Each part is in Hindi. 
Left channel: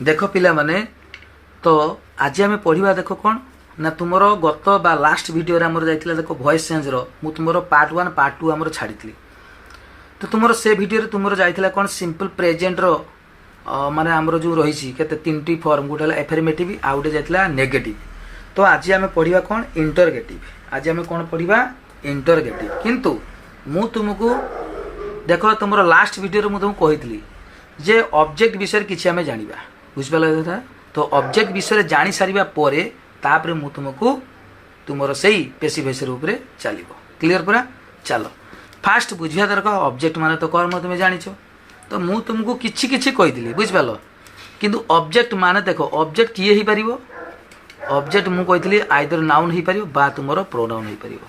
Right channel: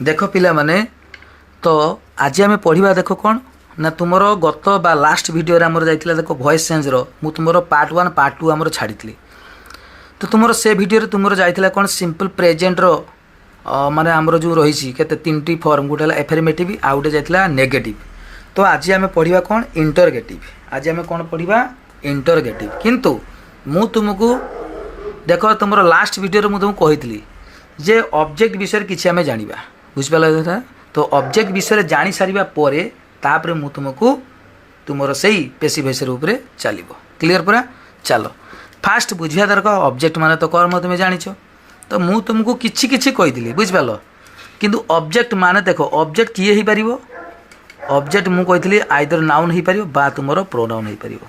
देख पिला माने तो आज आम पढ़ा देख कौन ना तुम गत बा लास्ट वीडियो आमर जाइए देख वॉइस चेंज रो तुम पार्ट 1 पार्ट 2 आमर छाड़ी तो तुम से वीडियो तुम जाइए कौन सिंपल प्रेजेंट रो माने आमर जो रही के तीन फॉर्म गोटे एफर्मेटिव आउ गोटे जाइए नेगेटिव। तो आज आम पढ़ा कौन इंटरगेटिव। आज आम कौन पढ़ा इंटरगेटिव किंतु मु तुमको देख तुम लास्ट वीडियो मुझे तुमको कही जे ऑब्जेक्ट विषय किसी आम जाना बुझिपाल। तो ऑब्जेक्ट विषय जानी सारिबा परे तापरे मु तुमको तुमर सही पेशी विषय उपरे चलो क्लीयर पूरा। चलो फास्ट बुझिया दरकार ऑब्जेक्ट माने तो कर्म तुम जानिछ। तो मु तुमको किछि किछि कहिदिली बुझिपाल किंतु ऑब्जेक्ट माने देखो ऑब्जेक्ट किए ही परिबो। ऑब्जेक्ट मु कहिदिली आइदर नाउन ही परिबो बा तुमरो प्रोनाउन ही परिबो।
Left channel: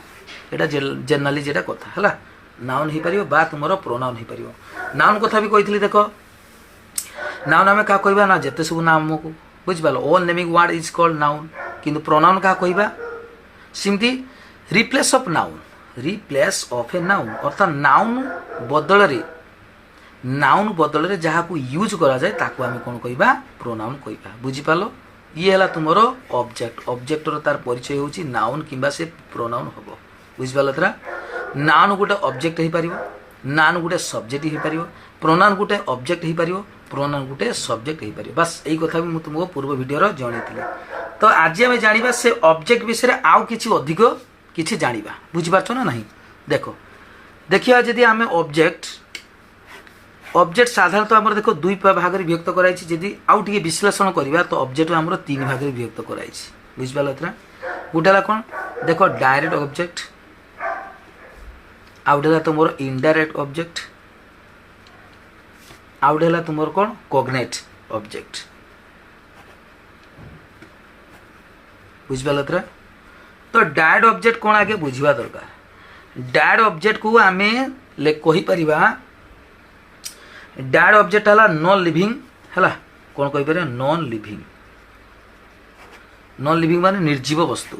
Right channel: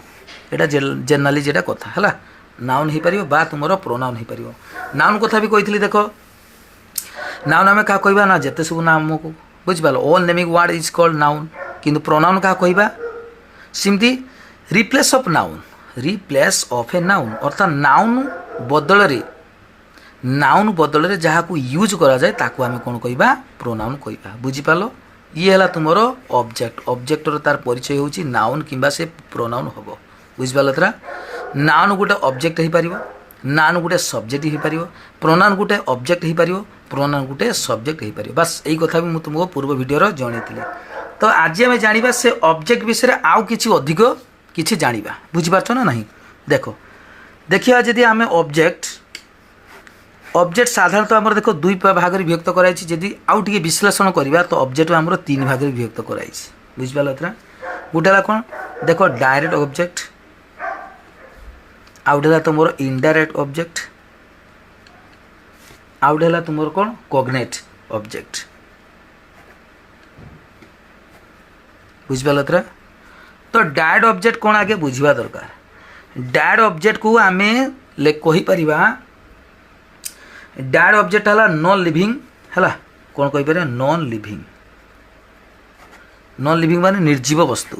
एटा जनरली जेटा कथा हला नाउन ही परिबो बा तुमरो प्रोनाउन ही परिबो। नाउन कथा भी कहिदिली देखो नाउन आम क्या कहवा ना जिते सब नाम को बुझिपाल all naming word is called noun किंतु प्रोनाउन क्या कहवा सिमती replace of noun replace of a noun अर्थात नाउन बदल रे जहाँ को यूज करा जाए ताको आम कौन कहवा प्रोनाउन कहवा बुझिपाल। ये है तुमर ऑब्जेक्ट ऑब्जेक्टर तार परिचय होची नाउन किंबा से प्रोनाउन हम बुझिपाल। तरा नाउन गोटे ऑब्जेक्ट हो पार नाउन गोटे सब्जेक्ट हो पार प्रोनाउन गोटे ऑब्जेक्ट हो पार प्रोनाउन गोटे सब्जेक्ट हो पार। बस यही कथा भी मुझे तुमको पूर्व वीडियो जनईली। तो आज आम जाना से ऑब्जेक्ट विषय आउ कि अधिक किसी जाना बुझिपार ना नहीं। देखो देखिए जदि आम ऑब्जेक्ट साधारणतः आम देखो दुई भाग में विभक्त कराई जदि आउ टे विश्लेषण करवा तो ऑब्जेक्ट आम तीन भाग में विभक्त कराई बुझिपाल। गोटे कौन देख डायरेक्ट ऑब्जेक्ट आउ गोटे तुम इनडायरेक्ट ऑब्जेक्ट आउ गोटे तुम कौन कॉग्नेट ऑब्जेक्ट बुझिपाल। तो डायरेक्ट ऑब्जेक्ट कौन आगे बुझा दरकार। डायरेक्ट ऑब्जेक्ट को आम कहीपर डायरेक्ट ऑब्जेक्ट है नॉन लिविंग है कौन कहीपर नॉन लिविंग माने निर्जीव वस्तु।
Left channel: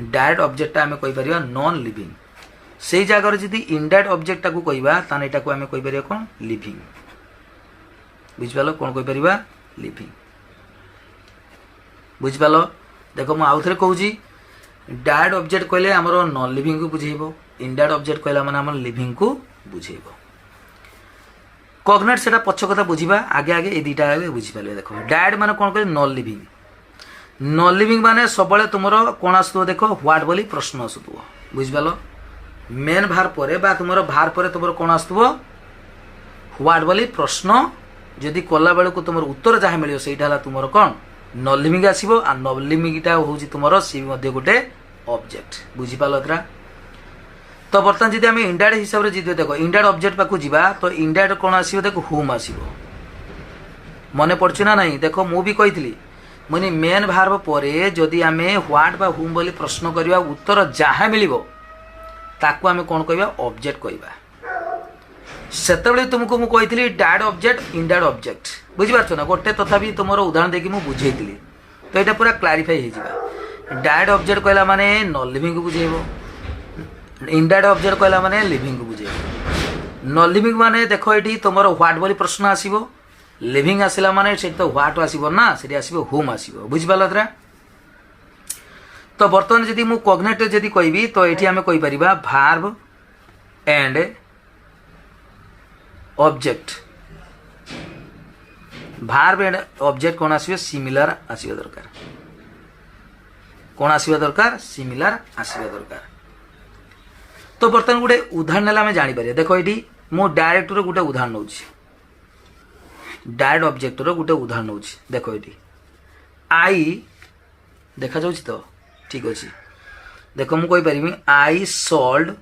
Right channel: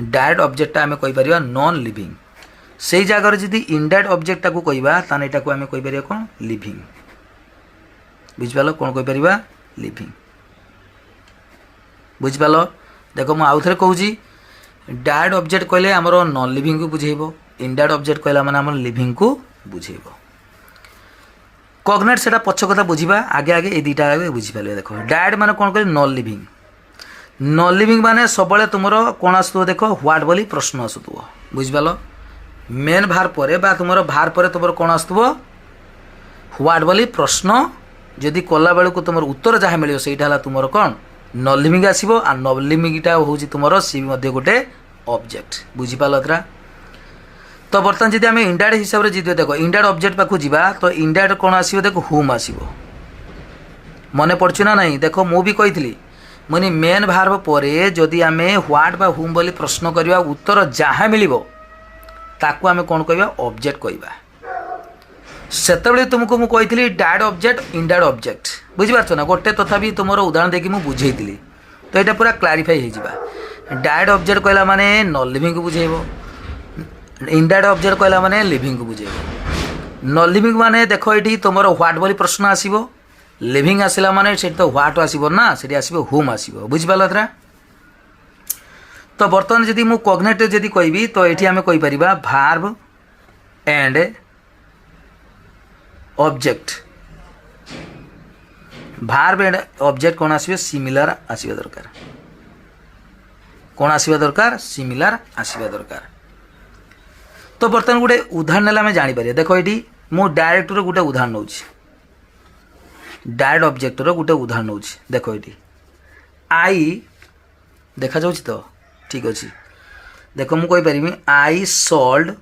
डायरेक्ट ऑब्जेक्ट आम कहीपर नॉन लिविंग से जगार जदि इनडायरेक्ट ऑब्जेक्ट को कहवा ताने एटा को आम कहीपर कौन लिविंग बुझिपाल कौन कहीपर लिविंग बुझिपाल। देखो मुझे आउ थे कहूँ डायरेक्ट ऑब्जेक्ट कहले आमर नॉन लिविंग को बुझेब इनडायरेक्ट ऑब्जेक्ट कहला माने आमर लिविंग को बुझेब। कॉग्नेट से पछ कथा बुझा आगे आगे ये दुटा आगे बुझिपारे। देखो डायरेक्ट माने कौन कह नॉन लिविंग माने सब तुम कौन आसुव देख व्हाट बोली प्रश्न आसुव बुझिपाल। मेन भार पर बा तुम भार पर तुम कौन आसुव व्हाट बोली प्रश्न जदि कला बेलू तुम उत्तर जहाँ मिले सहीटा तुम कौन नॉन लिविंग आसो आ नॉन लिविंगटा हूँ तुम सी गोटे ऑब्जेक्ट बुझिपाल। तो बर्तमान जब आम इनडायरेक्ट हिसाब से जी देख इनडायरेक्ट ऑब्जेक्ट पाक जावा तो इनडायरेक्ट कौन आसो देख हुम आसो मन पड़छ ना नहीं। देख मु भी कही मुझे मेन भार्ब पर जदि आम व्हाट बा हुम बोली प्रश्न करवा उत्तर जहाँ मिल ताकू आम कौन कहवा ऑब्जेक्ट कहवा। सेतबे तुमको मु कही डायरेक्ट ऑब्जेक्ट इनडायरेक्ट ऑब्जेक्ट बुझिपार ना गोटे तथापि तुम उदाहरण देखिए मुझे बुझेली तो यहाँ पूरा क्लारीफाई हो। डायरेक्ट ऑब्जेक्ट कहला माने नॉन लिविंग को बुझेब इनडायरेक्ट ऑब्जेक्ट कहला माने लिविंग को बुझेब। नॉन लिविंग माने देख ये तुम व्हाट बोली प्रश्न आसो लिविंग आसला माने से तो व्हाट आसो ना से आसो होम आसो बुझिपाल। तो बर्तमान जदि मु कॉग्नेट जदि कहबी तो ये आम कहीपर verb and object verb and object कौन आसवे सिमिलर आसवा दरकार कौन आसवा दरकार सिमिलर आसवा दरकार। तो बर्तमान गोटे उदाहरण आम जापर देख ये मु डायरेक्ट गोटे उदाहरण नौ डायरेक्ट ऑब्जेक्ट गोटे उदाहरण नौ देख ये आई देखा जाऊँ तो ठीक अच्छे। देख मु कहीपरि I sold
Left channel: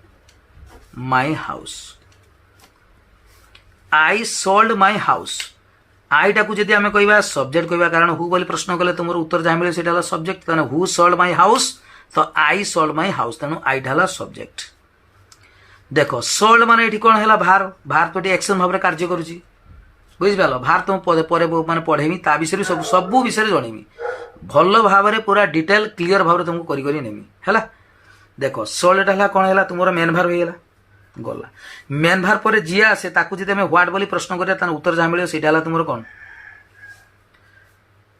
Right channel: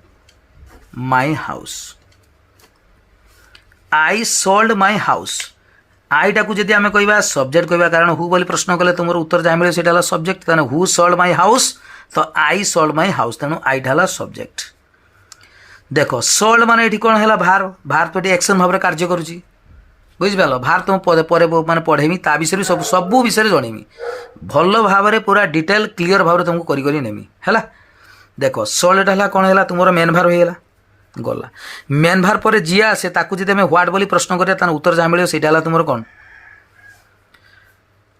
my house I sold my house आईटा को जब आम कह सब्जेक्ट कहवा कारण हु बोली प्रश्न कले तुम उत्तर जहाँ मिले से सब्जेक्ट तेना हु सोल्ड माई हाउस तो आई सोल्ड माई हाउस तेणु आईटा है सब्जेक्ट। देख सोल्ड माने ये कौन है भार भार तो ये एक्शन भाव में कार्य करुच्ची बुझिपाल। भार तुम पर माने पढ़ेमी ता विषय सब विषय जनईमी भल भाव में पूरा डिटेल क्लीयर भाव तुमको करी नेमी है। देख सोल्ड है कौन है तुम मेन भार होगा गला मेन भार पर जी आसे ताकू जब आम व्हाट बोली प्रश्न करें उत्तर जहाँ मिले से तुम कौन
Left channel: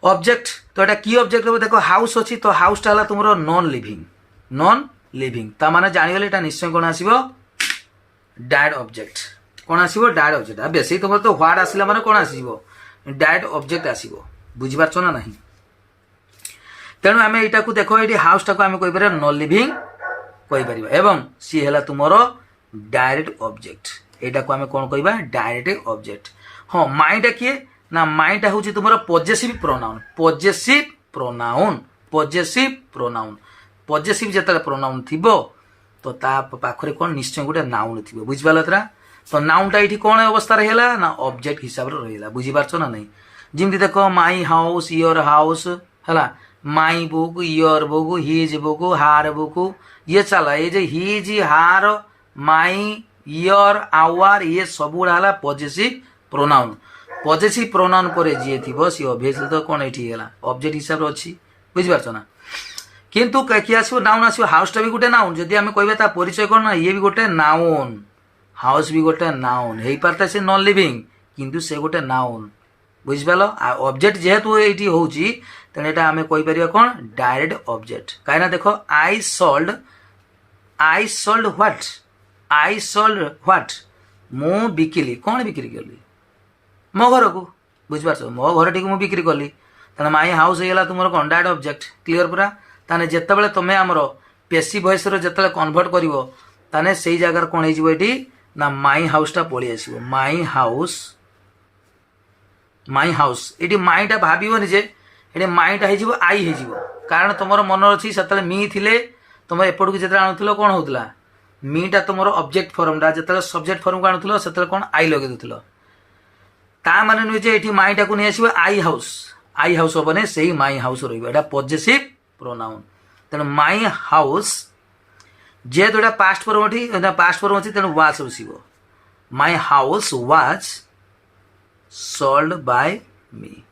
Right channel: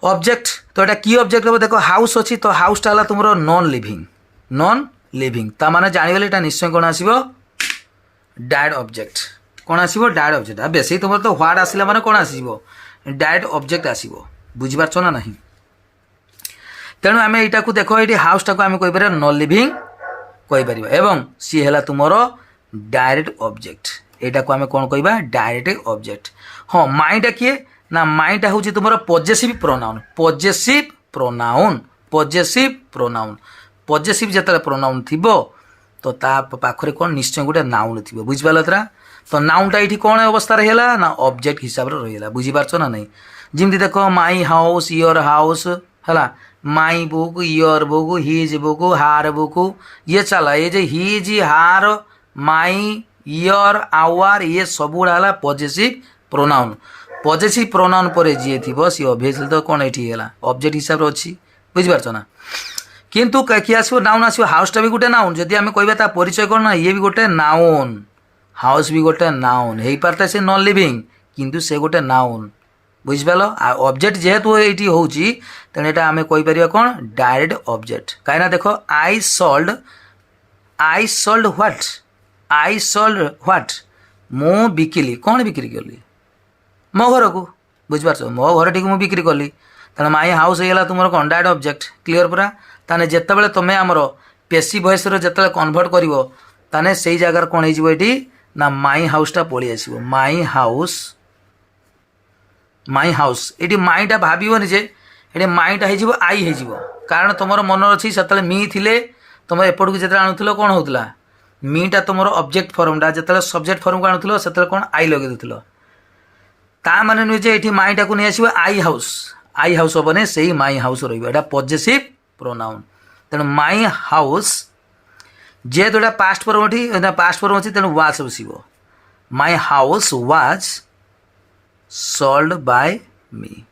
ऑब्जेक्ट तो एटा की ऑब्जेक्ट हम देखो हाउस अच्छी तो हाउसटा है तुम नॉन लिविंग ता माने जानिगले एटा निश्चय कौन आसीबो डायरेक्ट ऑब्जेक्ट कौन आसीबो डायरेक्ट ऑब्जेक्ट अब बेसी तुम तो व्हाट आसिला माने कौन आसीबो डायरेक्ट ऑब्जेक्ट आसीबो बुझी पारछो ना नहीं तेणु आम यहाँ को देख ये हाउसटा को आम कहीपर नॉन लिविंग कहीपर एवं सी है तुमर डायरेक्ट ऑब्जेक्ट यहाँ को आम कौन कह डायरेक्ट ऑब्जेक्ट हाँ माइटा किए ना माइटा हूँ तुम पॉजेसिव प्रोनाउन पॉजेसिव जिते प्रोनाउन थी तो पाखरे कौन निश्चय गोटे नाउन थी बुझिपाल तरा तो नाउनटा ये कौन अवस्था रहा ना ऑब्जेक्ट हिसाब से रहा बुझीपार ना नहीं जमी देख माई हाउस योर हाउस है my book your book his book हार बुक ये चला ये जे हिज हार माई योर आवर ये सब गुड़ा पॉजेसिव प्रोनाउन पर जी थी सी ऑब्वियसली तो कौन ये ऑब्जेक्ट हिसाब से अच्छी बुझिपार ना किंतु किए आसो नाउन आसो हाउसटा भी गोटे नाउन जदि आम कहता परिचय कौन ना ये भी गोटे नाउन हाउस भी गोटे नाउन हो पारता से नॉन लिविंग किंतु से गोटे नाउन बुझिपाल ऑब्जेक्ट जेहेतु ये हूँ तेणु यहाँ आम कहीपर कौन डायरेक्ट ऑब्जेक्ट कहीं देख आई सोल्ड व्हाट मु बिकिली कौन बिक्री कली मो घर को बुझिपार मो घर टी मुझे बिक्री कली तेना माई हाउस होगा तुम कौन डायरेक्ट ऑब्जेक्ट क्लीयर पूरा ताने जितेबाला तुम आमर पेसी वॉइस जिते कन्वर्ट कर से जगार कौन होती ना माई हाउसटा पलि आस माई हाउस ये माईटा भावन जे ये माईटा हो आई हो कारण तुम मन अच्छी से मी थिले तुम एपट को जो आणुल कौन होता मीटा तुम ऑब्जेक्ट फॉर्मटा जो सब्जेक्ट फॉर्म को आणुल से कौन आई लगे दूल ता माने नुहे जे ये माईटा को नहीं आसो आई हाउस हेने से माई हाउस रहा पॉजेसिव प्रोनाउन तेणु माई हाउस जेहेतु यहाँ पास्ट फॉर्म अच्छी तेणु वाज बसो my house was sold by me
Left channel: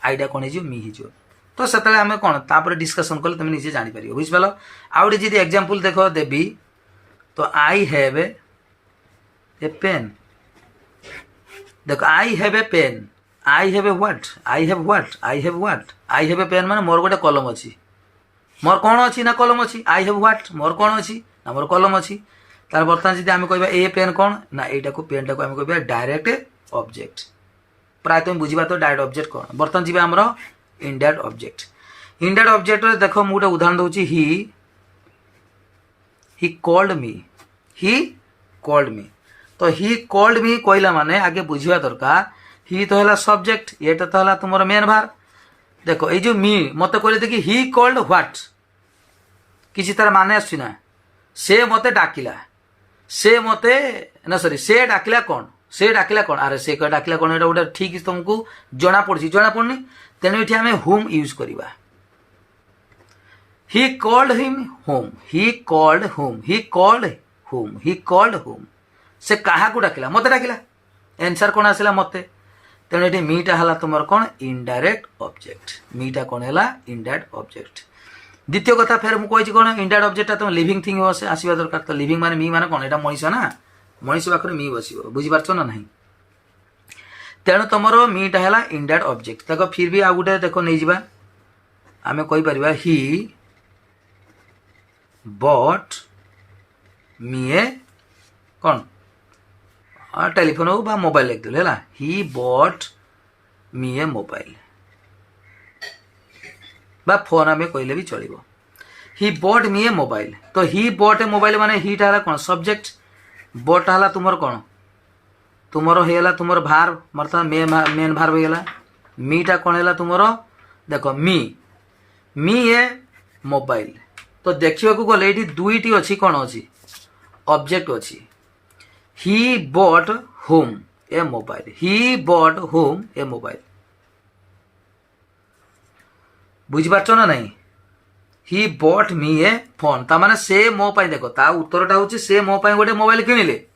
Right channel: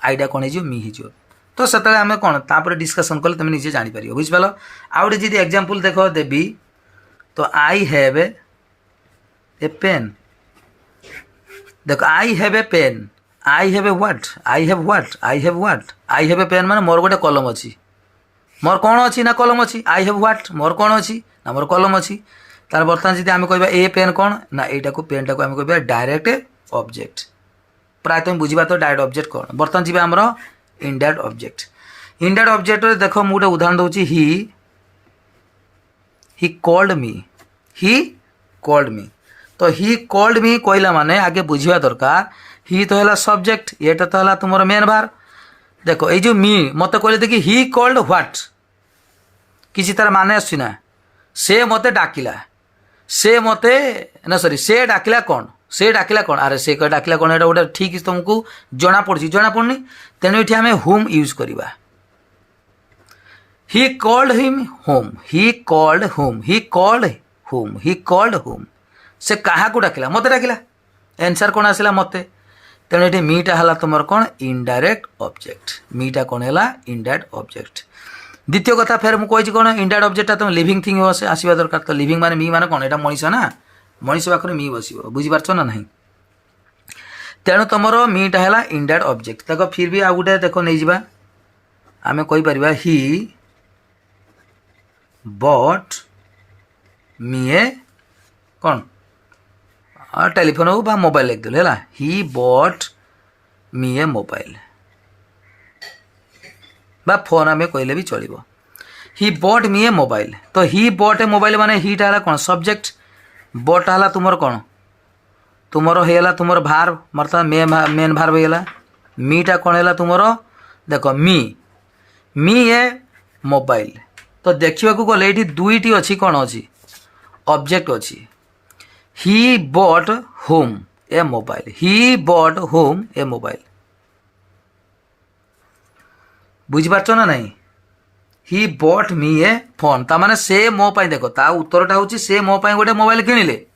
आईटा कौन हो मी हो तो से आम कौन तापर डिस्कसन कले तुम निजे जापर बुझिपाल आउ गए जी एग्जांपल देख देवी तो आई हैव ए पेन देख I have a pen I have a pen माने मोर गोटे कलम अच्छी मोर कौन अच्छी ना कलम अच्छी आई हैव व्हाट मोर कौन अच्छी ना मोर कलम अच्छी तार बर्तमान जी आम कह ए पेन कौन ना यहाँ को पेन टाक आम कह डायरेक्ट ऑब्जेक्ट प्राय तुम बुझा तो डायरेक्ट ऑब्जेक्ट कौन बर्तमान जी आमर इनडायरेक्ट ऑब्जेक्ट देख मुझे गोटे उदाहरण दूसरी ही कॉल्ड मी तो ही कॉल्ड मी कहला माने आगे बुझा दरकार ही तो है सब्जेक्ट ये तो है तुम मेन भार देख ये जो मी मत कहले देखिए ही कॉल्ड व्हाट किसी तरह माने आसना से मते डाकिला से मते ना सॉरी से डाकिला कौन अरे से डाकिला कौन एटा गोटे ठीक तुमको जना पड़नी तेणु ये आम होम यूज करवा ही कॉल्ड होम से क्या को डाकिला मते डाकिला आंसर कौन आसला मते तेणु ये मीटा है तुम कौन इनडायरेक्ट ऑब्जेक्ट मीटा कौन है इनडायरेक्ट ऑब्जेक्ट द्वितीय कथा फेर मुझे कौन इनडायरेक्ट ऑब्जेक्ट तुम लिविंग थिंग आसवा दरकार तो लिविंग माने मी माने कौन यहाँ मनीष ना मनीष पाखे मी बस बुझीपार ना नहीं तेणु तुम मीटा है इनडायरेक्ट ऑब्जेक्ट देख फिर भी आ गए देख नहीं जावा आम कहीपर ही बट मी ए कौन टेलीफोन हो बा मोबाइल लिखदेल है ही बट मी ए मोबाइल बा फोन आम कहले भी चलो ही बट मी ए मोबाइल तो ही बट ए मोबाइल माने हीटा है कौन सब्जेक्ट बट है तुम कौन तुम होगा तुम भार मतलब मेन भार होगा मीटा कौन है तुम देख मी ए मोबाइल तो देखा गले ये दुईटी अच्छी कौन अच्छी ऑब्जेक्ट अच्छी ही बट होम ए मोबाइल बुझीपार ना नहीं ही बट मी ए फोन ता माने से मो पाई देखो ता उत्तरटा होची से मो पाई गोटे मोबाइल किनिले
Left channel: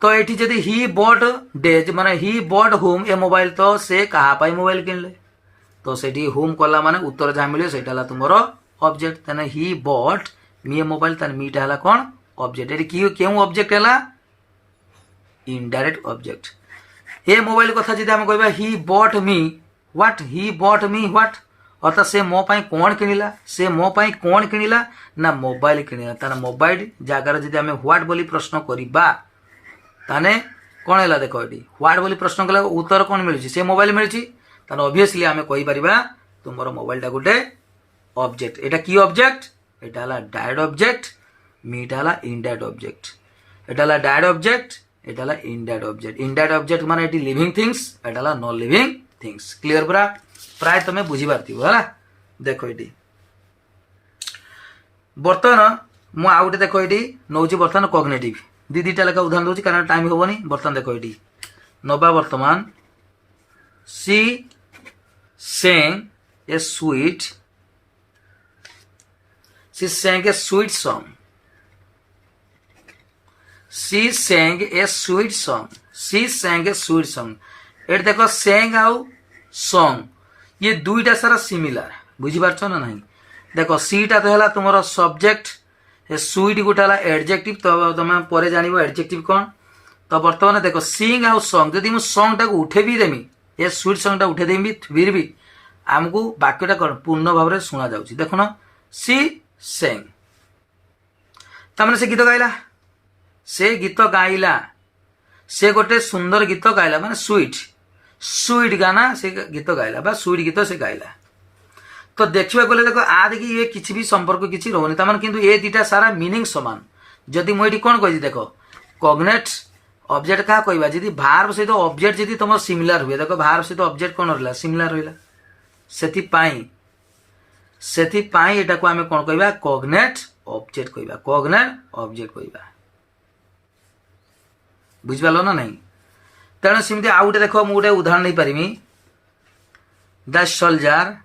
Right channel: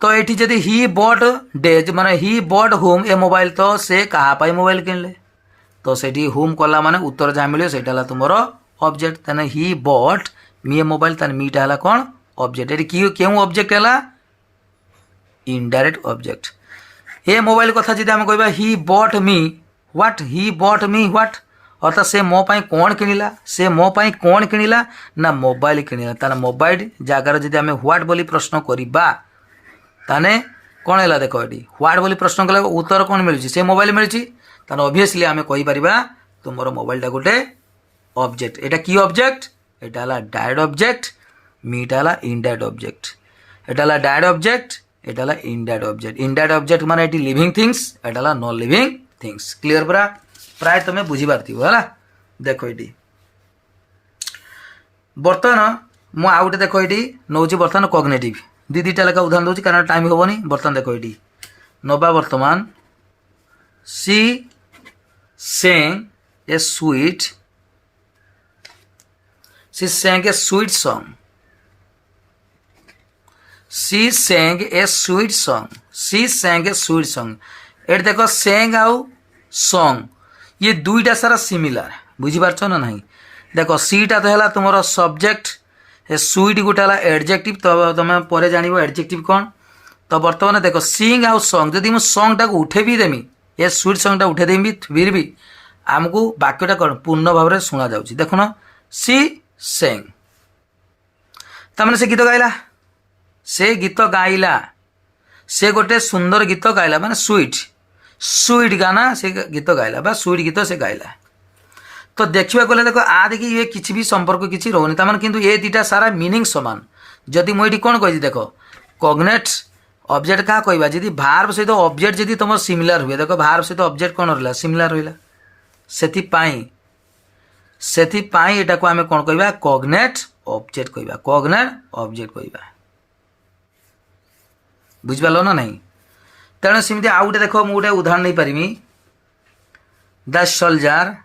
तो एठी जदि ही बट डेज माने ही बट होम ए मोबाइल तो से कहा पाई मोबाइल किनले तो सेठी होम कला माने उत्तर जहाँ मिले सेटा तुमर ऑब्जेक्ट ताने ही बट मी ए मोबाइल ताने मीटा है कौन ऑब्जेक्ट ये क्यों ऑब्जेक्ट है इनडायरेक्ट ऑब्जेक्ट ए मोबाइल कथा जी आम कह he but me what he bought me what अर्थात से मो पाई कौन किनिला से मो पाई कौन किनिला ना मोबाइल किनिला ताने मोबाइल जगार जदि आमे व्हाट बोली प्रश्न करिबा ताने कौन है देख ये व्हाट बोली प्रश्न कला उत्तर कौन मिलूँ से मोबाइल मिलूँ ताने ऑब्वियसली आमे कहि परिबा तुमर मोबाइलटा गोटे ऑब्जेक्ट एटा की ऑब्जेक्ट एटा हला डायरेक्ट ऑब्जेक्ट मीटा हला इनडायरेक्ट ऑब्जेक्ट एटा हला डायरेक्ट ऑब्जेक्ट एटा हला इनडायरेक्ट ऑब्जेक्ट इनडायरेक्ट ऑब्जेक्ट माने एटी लिविंग थिंग्स एटा हला नॉन लिविंग थिंग्स क्लियर पूरा प्राय तुम बुझी पारथिबो हला देखो एटी बर्तमान मु आउटे देखो एटी नौची बर्तमान कॉग्निटिव दी दीटा लेखा उदाहरण दूसरी कारण टाइम हेनी बर्तमान देखो ये नवा बर्तमान she sang a sweet she sang a sweet song she sang a sweet song she sang a sweet song at देखो सेंग आउ सॉन्ग ये दुईटा सारा सिमिलर बुझीपार ना नहीं देखो सीटा तो है तुम सब्जेक्ट स्वीट गोटे है एडजेक्टिव तो तुम पर जान एडजेक्टिव कौन तो बर्तमान देख सिंग आउ सॉन्ग जदि मुझे सॉन्ग टाक उठे भी देमी ये स्वीट सॉन्ग टा उठे देमी फिर भी आमको वाक्यटा कौन पूर्ण भाव में शुणा जाऊँगी देख न सी सेंग तमें से गीत गाइला से गीत गाइला से गोटे सुंदर गीत गाइला माने स्वीट स्वीट गाना से गीत गाइला बा स्वीट गीत से गाइला तो देखा गले देख आ देखिए ये किसी भी संपर्क किसी रोनी तमान किंतु ये दीटा सारा मीनिंग समान जदि मुझे कौन कही देख कॉग्नेट ऑब्जेक्ट क्या कहवा जी भार्ब सहित ऑब्जेक्ट जदि तुम सिमिलर हुए देख भार्ब सहित ऑब्जेक्ट कौन रहा सिमिलर रहा से एटा को आम कौन कहवा कॉग्नेट ऑब्जेक्ट कहवा कॉग्नेट ऑब्जेक्ट कहवा बुझिपाल ना नहीं तेणु सेमती आउ गोटे देख मुझे गोटे उदाहरण नहीं पारिमी the soldier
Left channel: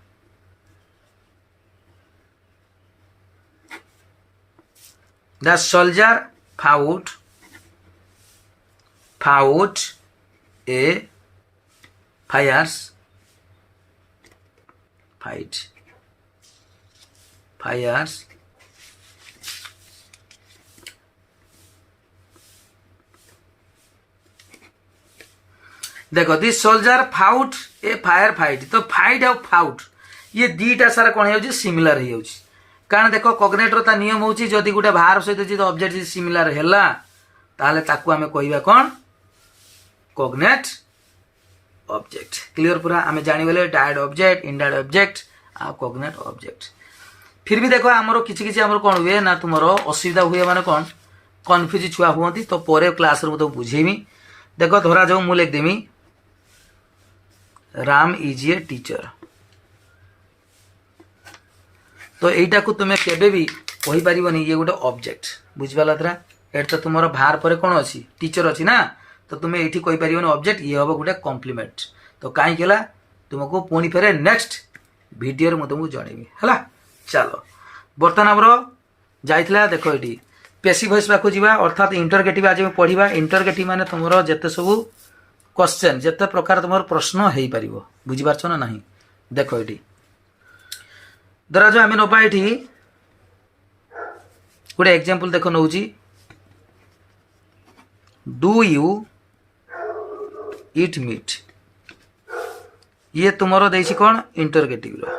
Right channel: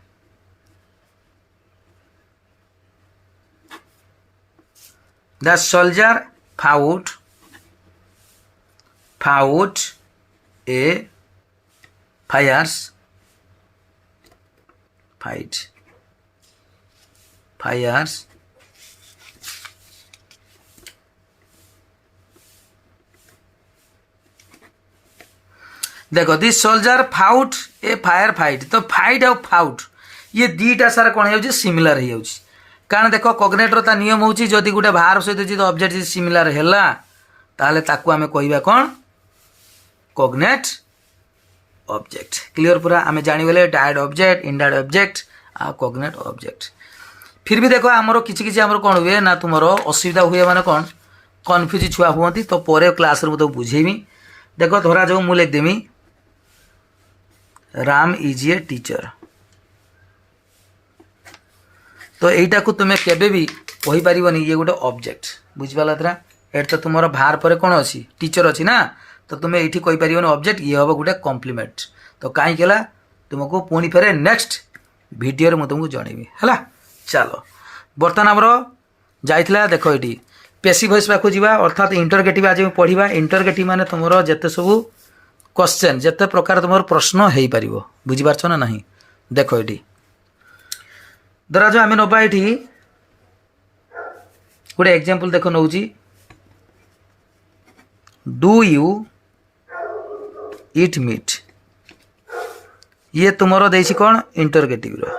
The soldier fought a fires देखो this soldier fought a fire fight तो फाइट और फाउट ये दीटा सारा कौन हो सिमिलर हो कारण देख कॉग्नेटर ता नियम होची जदि गोटे भार सहित जो ऑब्जेक्ट सिमिलर हैला ताले ताकू आमे कहबा कौन कॉग्नेट ऑब्जेक्ट क्लियर पूरा आमे जानि गले डायरेक्ट ऑब्जेक्ट इनडायरेक्ट ऑब्जेक्ट आ कॉग्नेट ऑब्जेक्ट फिर भी देखो हमरो किछि किछि हमरो कोन हुए ना तुमरो असुविधा हुए माने कोन कन्फ्यूज छुआ हुअंती तो परे क्लास रे तो बुझेमी देखो धरा जाऊ मु लिख देमी राम इज ए टीचर तो यहीटा को तुम्हें केबे भी कहि परिबनी ये गोटे ऑब्जेक्ट बुझिपाला तरा एट तो तुमरो भार पर कोन अछि टीचर अछि ना तो तुम्हें एठी कहि परिबनी ऑब्जेक्ट ये हबो गोटे कॉम्प्लीमेंट तो काई केला तुमको पुणी फेरे नेक्स्ट वीडियो रे म तुमको जणेबी हला चलो बर्तमान हमरो जाइतला देखो एठी पेसिव वॉइस पाखु जीवा अर्थात इंटरगेटिव आज पढ़िबा इंटरगेटिव माने तुमरो जते सब क्वेश्चन जते प्रकार तुमरो प्रश्न हेई परिबो बुझिपारछ ना नहीं देखो एठी धरा जो आम नवा ये गोटे एग्जांपल देख नौ डू यू इट मीट ये तुमरो देछि कौन इंटरगेटिव रो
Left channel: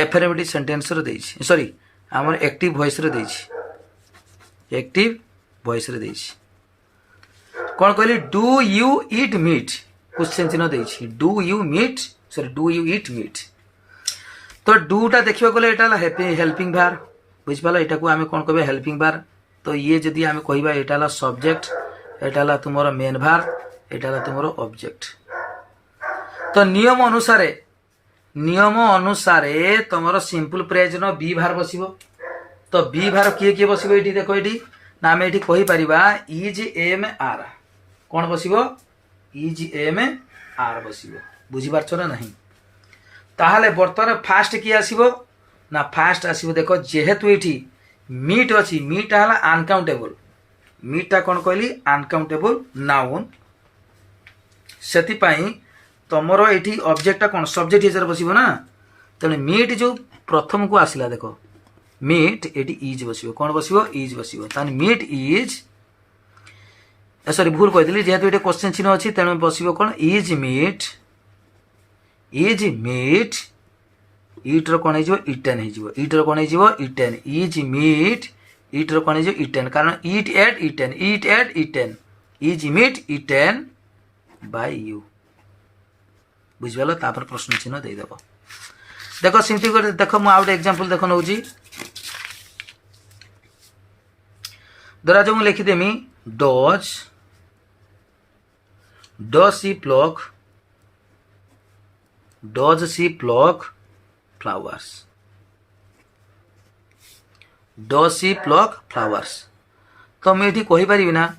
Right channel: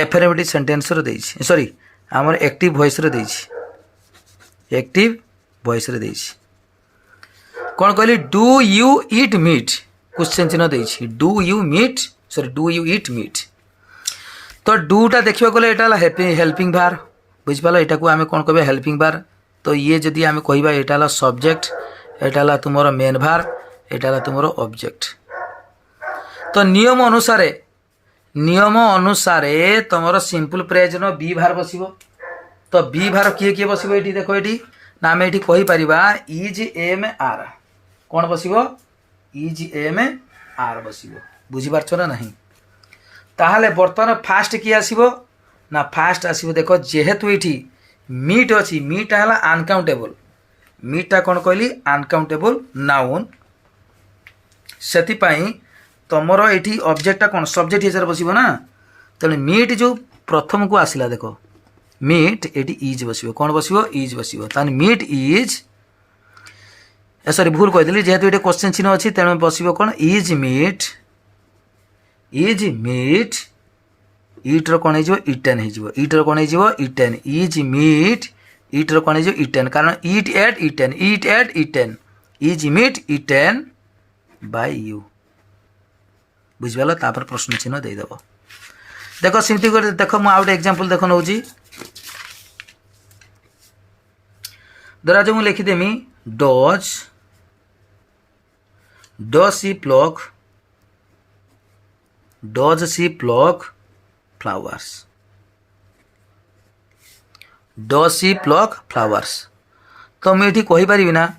एफर्मेटिव सेंटेंस रो देछि सॉरी हमर एक्टिव वॉइस रो देछि एक्टिव वॉइस रो देछि कौन कहली do you eat meat question चिन्ह देछि do you meet sorry do you eat meat तो डूटा देखा गले ये हेल्पिंग भार बुझिपाल यहाँ को आम कौन कह हेल्पिंग भार तो ये जदि आम कहवा यहाँ सब्जेक्ट यहाँ तुम मेन भार यहाँ तुम ऑब्जेक्ट तो नियम अनुसार तुम सिंपल प्रेजेंट बी भार बस तो बी भार किए किए बस ये देख ये ना आम ये कहीपर इज एम आर कौन बस इज एम आर बस बुझीपारछ ना नहीं ताहले बर्तमान फास्ट किए आसीबो ना फास्ट आसीबो देखो जेहेतु ये मीट अच्छी मीटा है अनकाउंटेबल मीटा कौन कहली अनकाउंटेबल नाउन से तुमर ये ऑब्जेक्टा कौन सब्जेक्ट हिसाब बस ना तेणु मीट जो प्रथम को आसला देख मीट ये इज बस कौन बस इज बस मीट इज सॉरी भूल कहीदेली जेहेतु ये क्वेश्चन चिन्ह अच्छी तेणु बस कौन इज मीट इज मीट इट्र कौन हो इटेन हो इट्र कौन हो इटेन इज मीट इट्र कौन हो इटेन कारण it ate eaten is meat eaten by you बुझिपाल तापर प्रश्न चिन्ह देदेव देख सेमती देख मुझे गोटे एग्जांपल देख नौ धरा जो मुझे लिखिदेमी डज सी प्लक फ्लावर्स तो मुझे कहीपरि ना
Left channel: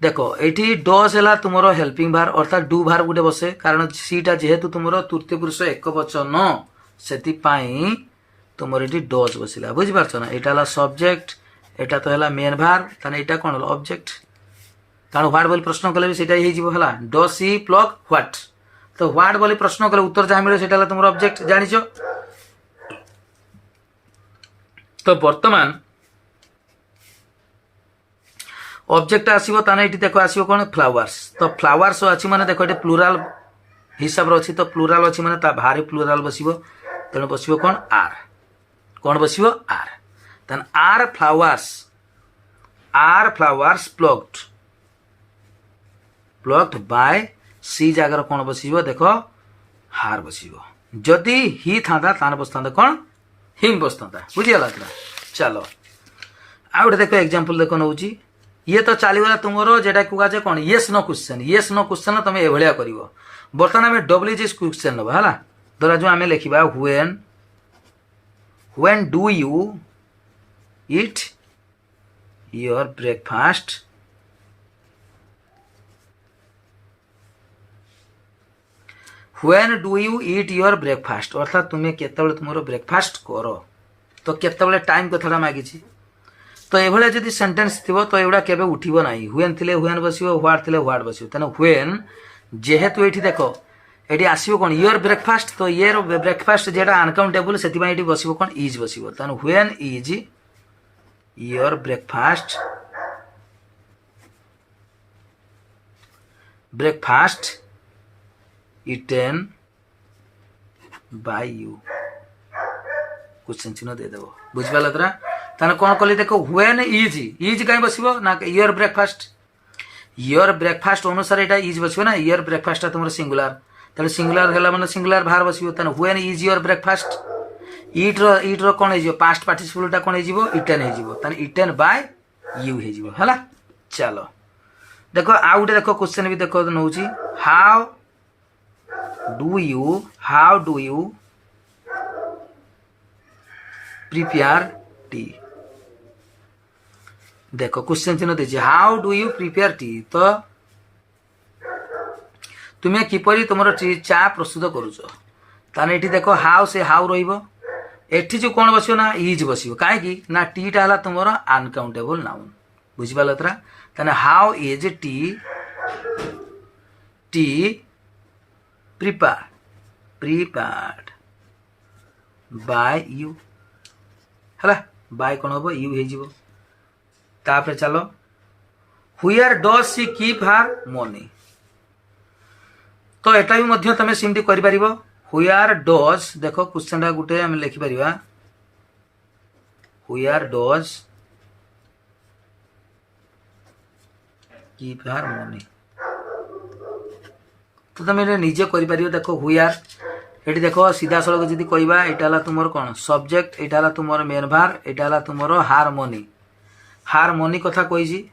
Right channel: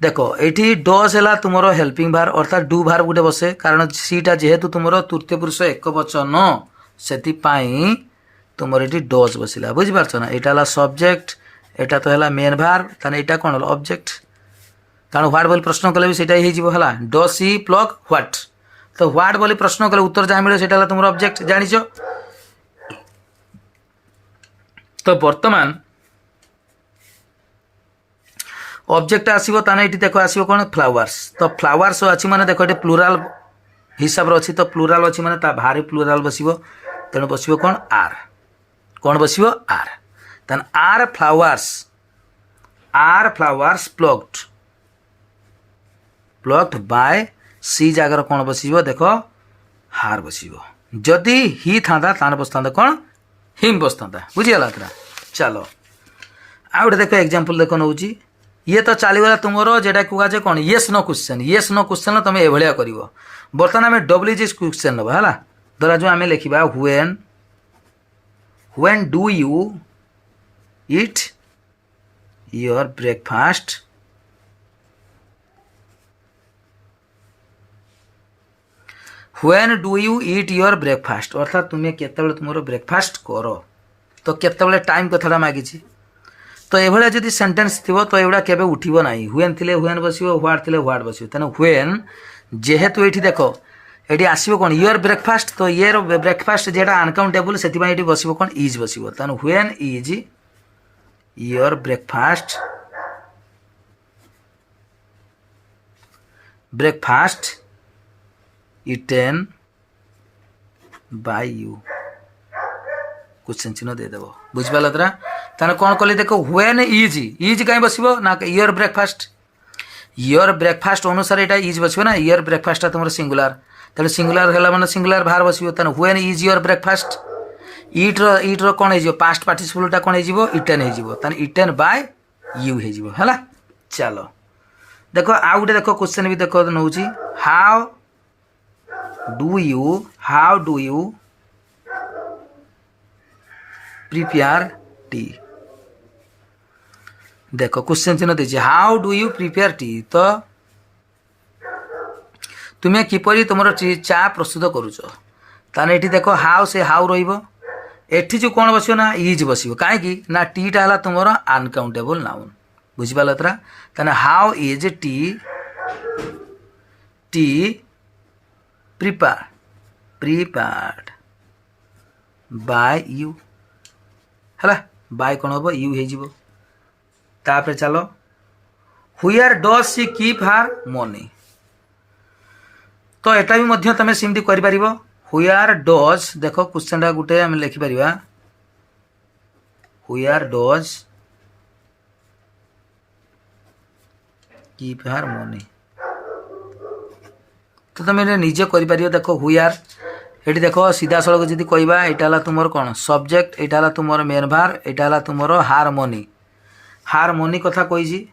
देख ये डज है तुम हेल्पिंग भार अर्थात डू भार गोटे बसे कारण सीटा जेहेतु तुम तृतीय पुरुष एक वचन से तुम ये डज बसला बुझीपार ना यहाँ सब्जेक्ट एटा तो है मेन भार ताने एटा कौन ऑब्जेक्ट कारण व्हाट बोली प्रश्न कले भी सेटा ही है डज सी प्लक व्हाट तो व्हाट बोली प्रश्न कले उत्तर जहाँ मिले सेटा तुम ऑब्जेक्ट जानिछ तो वर्तमान ऑब्जेक्ट आसीबो ताने एटी देखो आसीबो कोन फ्लावर्स तो फ्लावर्स अछि माने देखो एटी प्लुराल हिसाब रे अछि तो प्लुराल अछि माने ता भारे प्लुराल बसिबो तेणु बसिबो कोन बसिबो आर तन आर फ्लावर्स प्लक्ड बाय सी जगह कौन बसिबो देखो हार बसिबो जदि ही था ताने बसता कौन हिम बसता बुझीगला पूरा चलो आ गोटे देख एग्जांपल देख नौ ये तो चलीगला तुम जेटा कहुए कौन येस नो क्वेश्चन तुम ये कर बर्तमान आम डब्ल्यूजी क्वेश्चन नवा है धरा जो आम लिखा when do you eat your breakfast when do you eat your breakfast अर्थात तुम्हें केतबेले तुम ब्रेकफास्ट कर तो केतबेले टाइम कथाटा मागिछि तो ये जदि सेंटेंस थी तो एगुड़ा केबे उठिबो नाही व्हेन थिले व्हेन बसिबो व्हाट थिले व्हाट बसिबो तेना व्हेन जेहेतु एठी देखो एठी आसीबो कोन योर ब्रेकफास्ट तो ये ब्रेकफास्ट जेटा अनकाउंटेबल सेति एठी बसिबो कोन इज बसिबो तेना when is your breakfast eaten by you question चिन्ह दे देबो बुझिपाल तरा ताने कौन कली देखो व्हेन इज कहीं बसिबो ना योर ब्रेकफास्ट अनुसार एटा इज बसिबो ना योर ब्रेकफास्ट तुम सिंगुलर तेल सिंगुलर है माने सिंगुलर बाहर बसिबो ताने when is your breakfast it रो कौन हो पास्ट पार्टिसिपलटा कौन हो इटेन हो ताने इटेन बाय यू हो है चलो देखो आ गोटे देखो क्वेश्चन भी देखो now how do you prepare tea देखो क्वेश्चन चिन्ह दीजिए how do you prepare tea तो तुम्हें किपरि तुम चा प्रस्तुत करुच ताने एठी देखो हाउ से हाउ रहिबो एठी जो कौन बसियो ना इज बसियो काहे ना टीटा है तुम अनकाउंटेबल नाउन बुझिपाल तरा ताने how is tea prepared by you है बाय कौन हम यू हो तापर चलो where does she keep her money तो एटा भी मध्य तमे सिमती करि परिबो व्हेयर डज देखो क्वेश्चन गुटे हम लिखि परिबा where does keep her money तो तुम निजे कर देखो व्हेयर ये देखो सीधा सड़क जी कहवा यहाँ तुम कौन सब्जेक्ट यहाँ तुम मेन भार यहाँ तुम हारमोनी कथा कही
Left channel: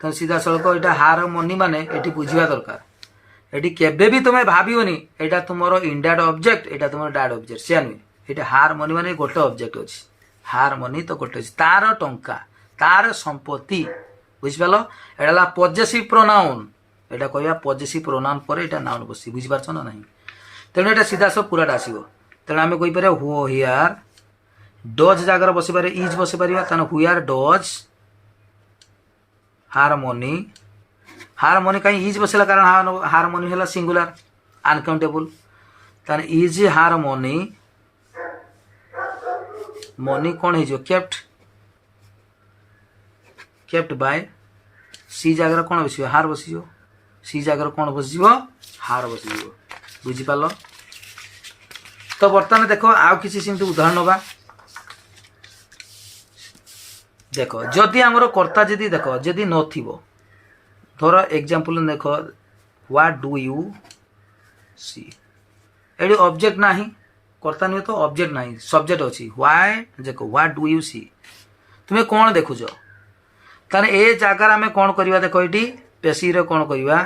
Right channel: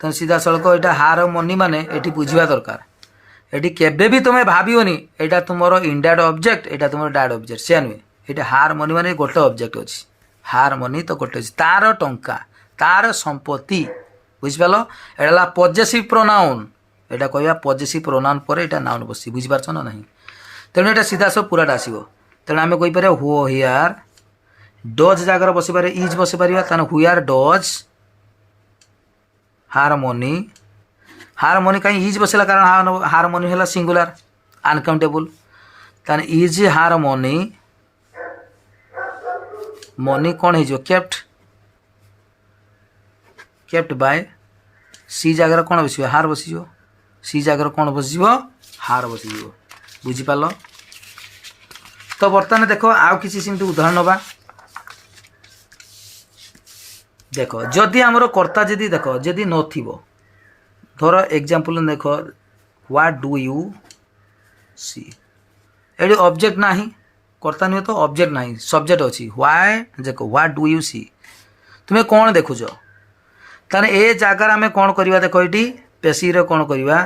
तो सीधा सड़क यहाँ हारमोनी माने ये बुझा दरकार ये केबे भी तुम्हें भावनी यहाँ तुम इंडायरेक्ट ऑब्जेक्ट यहाँ तुम डायरेक्ट ऑब्जेक्ट से नुहे ये हारमोनी माने गोटे ऑब्जेक्ट अच्छी हारमोनी तो गोटे अच्छी तार टंका तार संपत्ति बुझिपाल यहाँ पजेसिव प्रोनाउन यहाँ कहवा पजेसिव प्रोनाउन पर यहाँ नाउन बसी बुझीपार ना नहीं तेणु यहाँ सीधा सब पूराटा आसो तेणु आम कहीपर व्हेयर डज जगह बस पारे इज बस पार व्हेयर डज हारमोनी कहीं इज बसला कारण हारमोनी है सिंगुलर अनकाउंटेबल तान इज हारमोनी मनी कौन हो केप्ट बाय सी जगह कौन बस हार बस सी जगह कौन बस हार बस बुझिपाल तो बर्तमान देख आउ किसी सेमती उदाहरण नवा देख जदि आमर कर्ता जदि देख जदि नथिबो धर एग्जांपल देख व्हाट डू यू सी एडी ऑब्जेक्ट नाही कर्ता नहीं तो ऑब्जेक्ट नहीं सब्जेक्ट अच्छी व्हाई देख व्हाट डू यू सी तुम्हें कौन देखुच ताने ए जगार आम कौन करवा देख ये पेशीर कौन करवा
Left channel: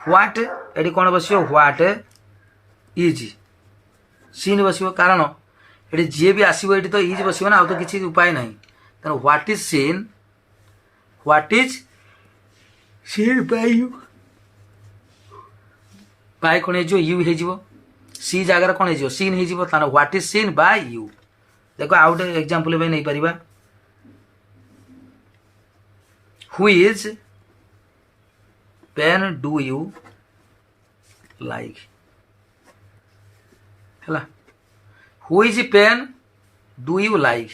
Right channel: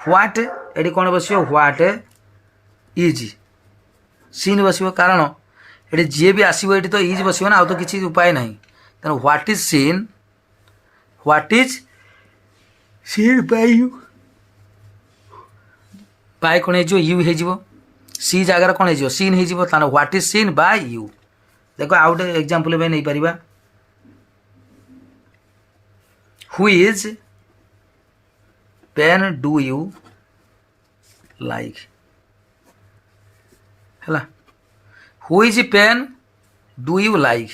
व्हाट एटी कौन बस व्हाट इज सीन बस कारण ये जी भी आसो ये तो इज बस ना आ तो किसी उपाय ना तेना what is seen what is seen by you by कौन हो यू हो सी जगार कौन हो सीन हो what is seen by you देख आउ गोटे एग्जांपल भी नहीं पारिबा who is pen do you like है who is pen do you like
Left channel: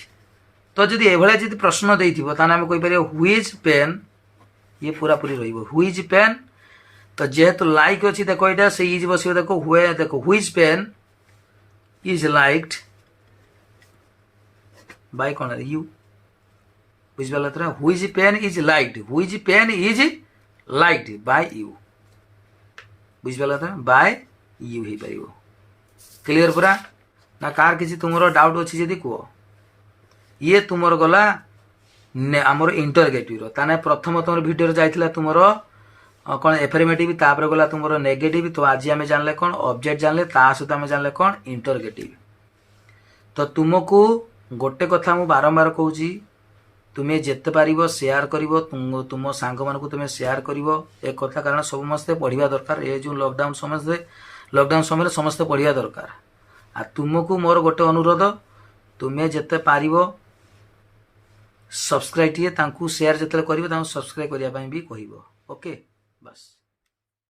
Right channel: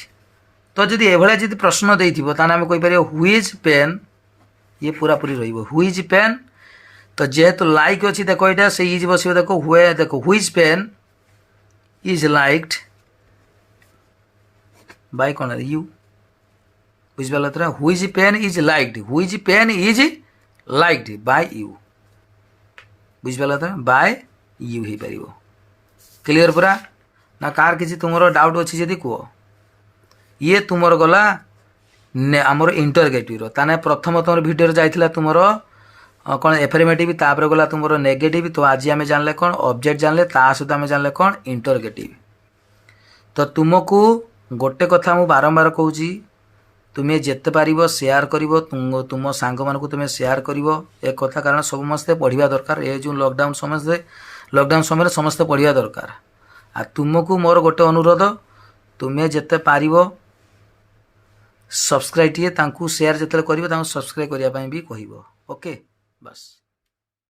तो जदि एभलिया जदि प्रश्न देइथिबो ताने हम कहि परियो हु इज पेन ये पूरा पूरी रहिबो हु इज पेन तो जेहेतु लाइक अच्छी देखो यहाँ से इज बस देखो हुए देखो who is pen is liked by कौन यू बुझे तो who is pen is liked who is pen is liked by you बुझे तो बाय यू हो पार क्लीयर पूरा ना कार किसी तुम डाउट अच्छी जदि कह ये तुमर गला आमर इंटरगेटिव ताने प्रथम तुम भिडियो जाइथिला तुमर कौन एफर्मेटिव तापर गला तुम नेगेटिव तो आज आम जानले कौन ऑब्जेक्ट जानले ता सहित आम जानले कौन इंटरगेटिव तो तुमको गोटे कथा मु बारंबार कहूँ तुम्हें जिते पार सेयार कर तुम सांग मान तुम्हें सेयार कर एक कथा कारण समस्ते पढ़ा दरकार ये जो लॉकडाउन समय समस्ते पढ़ा दरकार आ तुमको मोर गोटे अनुरोध तुम्हें जिते पार सब्सक्राइब टे सेयार जिते कर सब्सक्राइब करने भी कह ओके बस।